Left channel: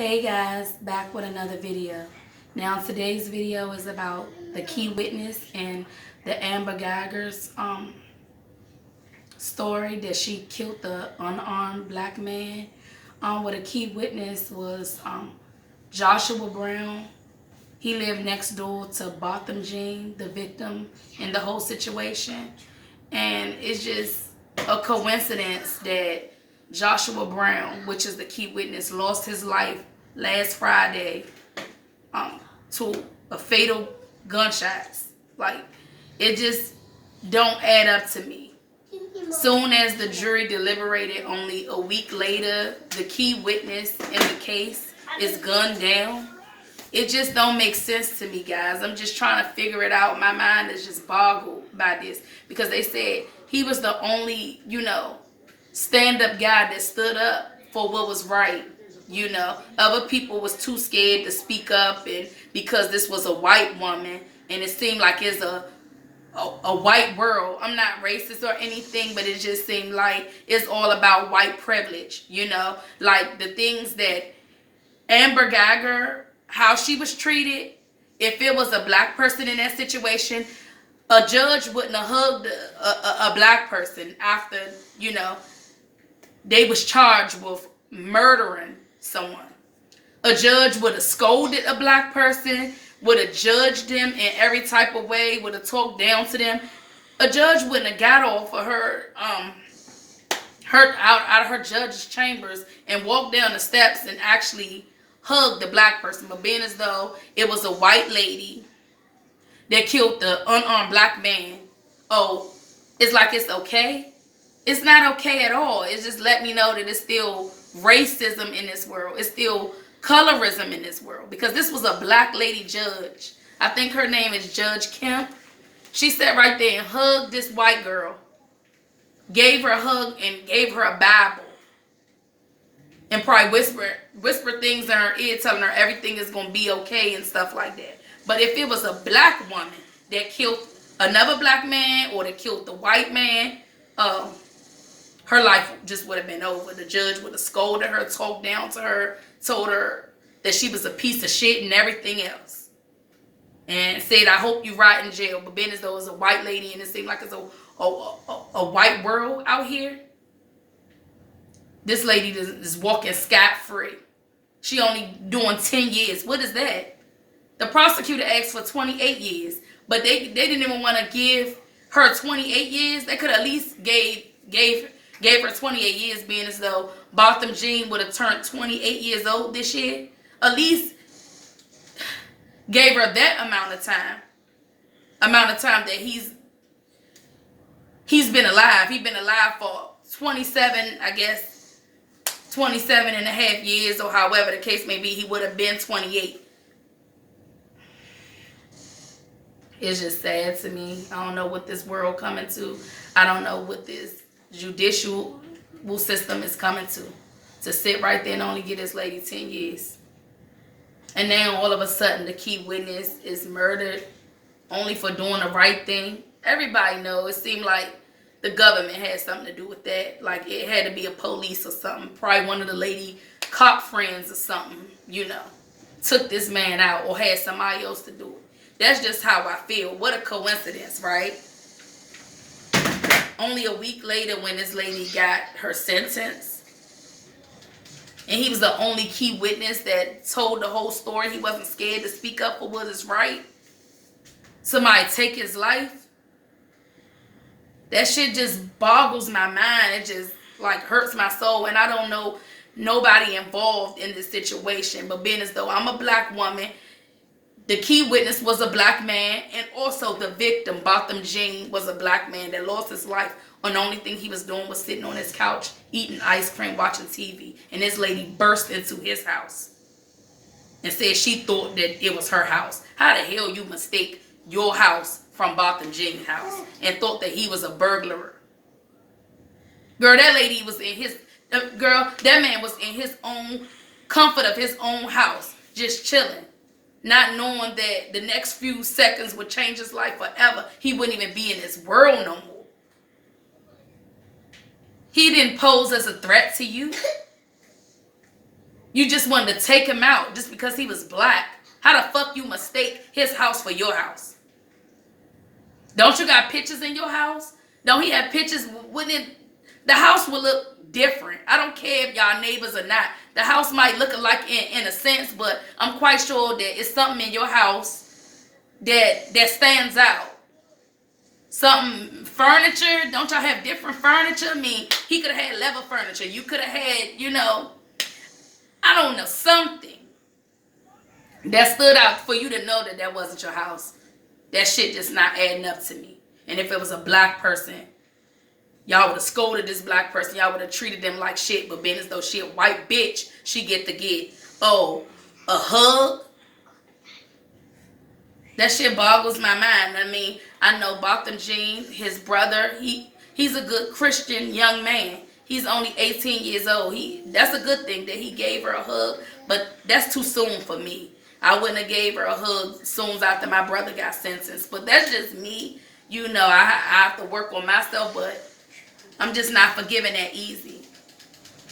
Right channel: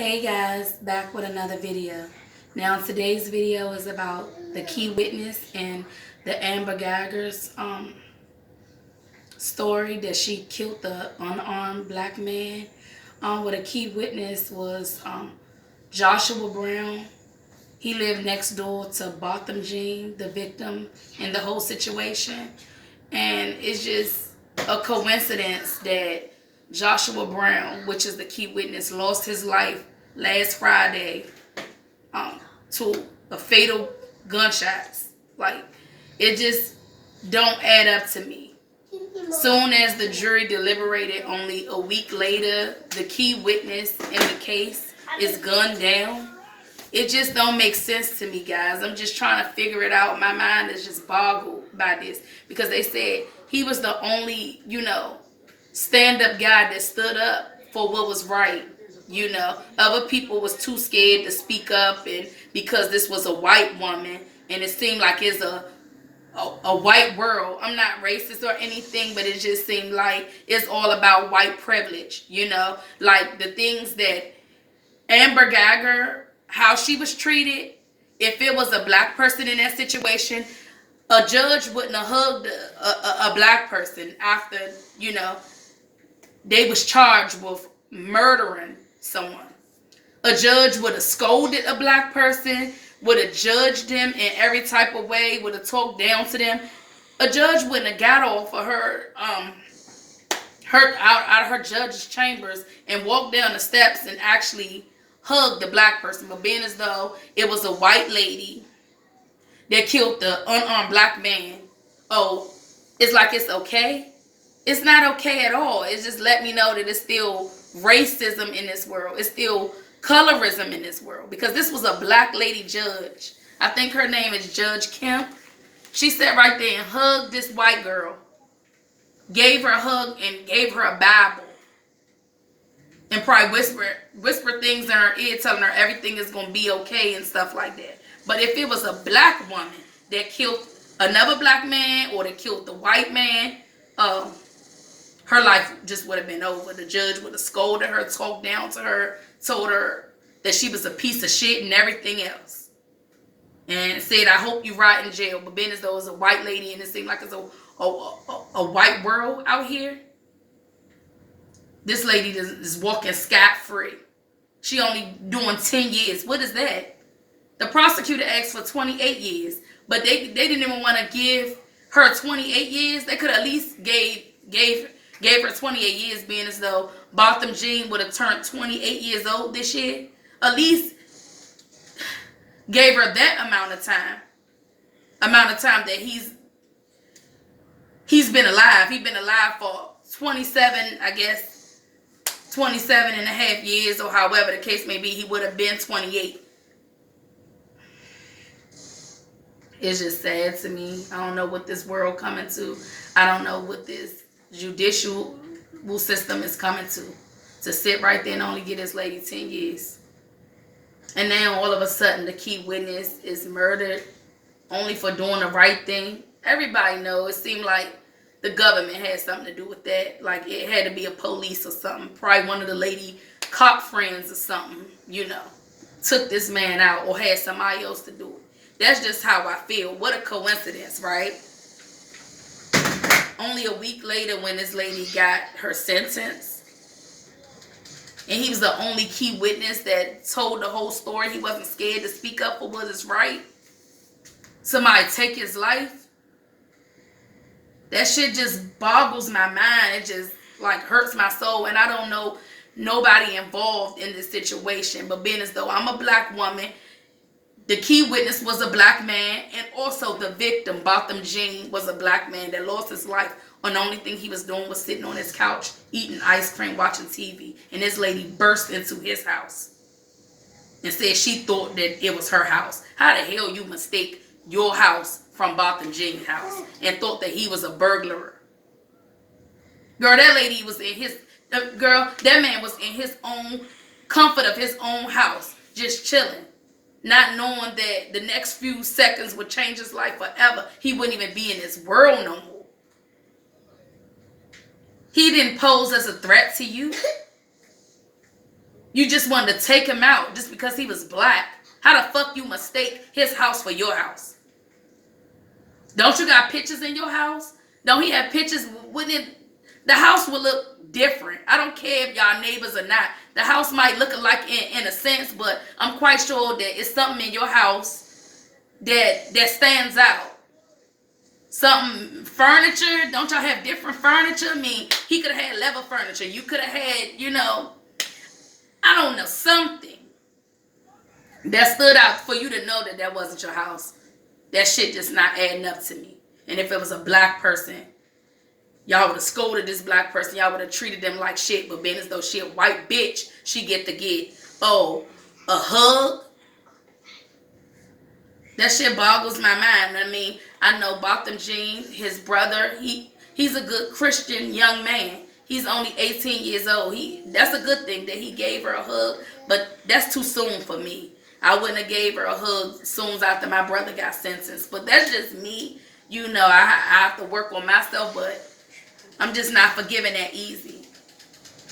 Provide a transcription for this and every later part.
Hey guys, back with another video. Now today's video is about the key witness and the Amber Guyger's story that she killed the unarmed black man. What a key witness was Joshua Brown. He lived next door to Botham Jean, the victim in the whole situation. And it's just a coincidence that Joshua Brown, which is the key witness, lost his life last Friday to a fatal gunshots. Like, it just don't add up to me. Soon as the jury deliberated, only a week later, the key witness in the case is gunned down. It just don't make sense to me, guys. I'm just trying to figure it out. My mind is just boggled by this because they said he was the only, stand-up guy that stood up for what was right. Other people was too scared to speak up, and because this was a white woman, and it seemed like it's a white world. I'm not racist or anything, but it just seemed like it's all about white privilege. Like the things that Amber Guyger, how she was treated. If it was a black person in that situation, a judge wouldn't have hugged a black person after, they was charged with murdering someone. A judge would have scolded a black person, would have judged them in every type of way, would have talked down to them. A judge wouldn't have got off of her out of her judge's chambers and walked down the steps and actually hugged the black person. But being as though it was a white lady that killed the unarmed black man, it's like it's okay. It's not okay at all. It's just let me know that it's still racism in this world. It's still colorism in this world. Because this was a black lady judge. I think her name is Judge Kemp. She sat right there and hugged this white girl. Gave her a hug and gave her a Bible. And probably whisper things in her ear telling her everything is going to be okay and stuff like that. But if it was a black woman that killed another black man or that killed the white man, her life just would have been over. The judge would have scolded her, talked down to her, told her that she was a piece of shit and everything else. And said, I hope you rot in jail. But being as though it's a white lady and it seemed like it's a white world out here, this lady is walking scot-free. She only doing 10 years. What is that? The prosecutor asked for 28 years. But they didn't even want to give her 28 years. They could at least gave her 28 years, being as though Botham Jean would have turned 28 years old this year. At least gave her that amount of time. That he's been alive. He's been alive for 27, I guess, 27 and a half years, or however the case may be. He would have been 28. It's just sad to me. I don't know what this world coming to. I don't know what this judicial system is coming to sit right there and only give this lady 10 years. And now all of a sudden the key witness is murdered only for doing the right thing. Everybody knows. It seemed like the government had something to do with that. Like it had to be a police or something. Probably one of the lady cop friends or something, took this man out or had somebody else to do it. That's just how I feel. What a coincidence, right? Only a week later when this lady got her sentence, and he was the only key witness that told the whole story. He wasn't scared to speak up for what is right. Somebody take his life. That shit just boggles my mind. It just hurts my soul. And I don't know nobody involved in this situation. But being as though I'm a black woman, the key witness was a black man, and also the victim, Botham Jean, was a black man that lost his life, and the only thing he was doing was sitting on his couch, eating ice cream, watching TV. And this lady burst into his house and said she thought that it was her house. How the hell you mistake your house from Botham Jean's house and thought that he was a burglar? Girl, that lady was in that man was in his own comfort of his own house, just chilling. Not knowing that the next few seconds would change his life forever. He wouldn't even be in this world no more. He didn't pose as a threat to you. You just wanted to take him out just because he was black. How the fuck you mistake his house for your house? Don't you got pictures in your house? Don't he have pictures? Wouldn't it, the house would look different. I don't care if y'all neighbors or not. The house might look alike in a sense, but I'm quite sure that it's something in your house that stands out. Something, furniture. Don't y'all have different furniture? I mean, he could have had leather furniture. You could have had, you know, I don't know, something that stood out for you to know that that wasn't your house. That shit just not adding up to me. And if it was a black person, y'all would have scolded this black person. Y'all would have treated them like shit. But being as though she a white bitch, she get, oh, a hug? That shit boggles my mind. I mean, I know Botham Jean, his brother, he's a good Christian young man. He's only 18 years old. That's a good thing that he gave her a hug, but that's too soon for me. I wouldn't have gave her a hug soon after my brother got sentenced. But that's just me. You know, I have to work on myself, but I'm just not forgiving that easy.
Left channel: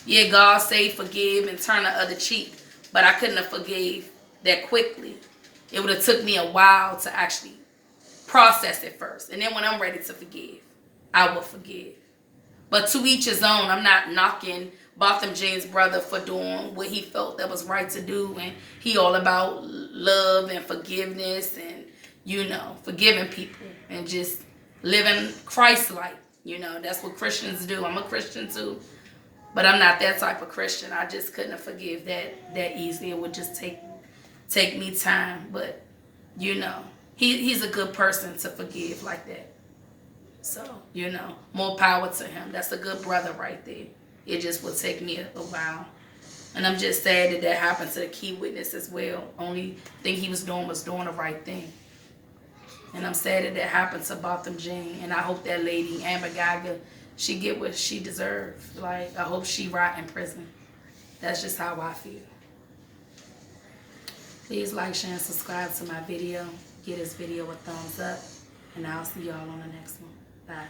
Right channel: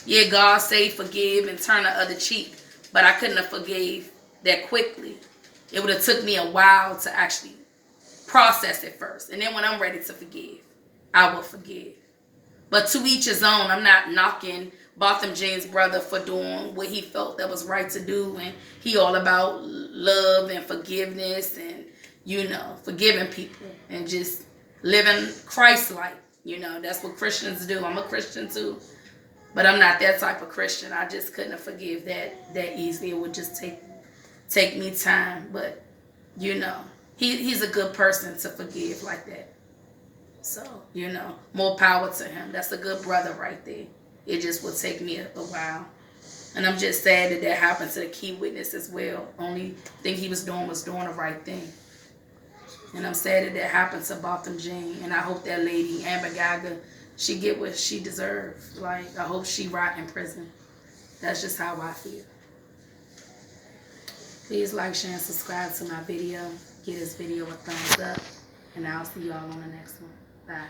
Yeah, God say forgive and turn the other cheek, but I couldn't have forgave that quickly. It would have took me a while to actually process it first. And then when I'm ready to forgive, I will forgive. But to each his own. I'm not knocking Botham Jean's brother for doing what he felt that was right to do. And he all about love and forgiveness and, you know, forgiving people and just living Christ-like. You know, that's what Christians do. I'm a Christian too. But I'm not that type of Christian. I just couldn't forgive that easily. It would just take me time. But, you know, he's a good person to forgive like that. So, you know, more power to him. That's a good brother right there. It just would take me a while. And I'm just sad that that happened to the key witness as well. Only thing he was doing the right thing. And I'm sad that that happened to Botham Jean. And I hope that lady, Amber Guyger, she get what she deserves. Like, I hope she rot in prison. That's just how I feel. Please like, share, and subscribe to my video. Give this video a thumbs up. And I'll see y'all on the next one. Bye.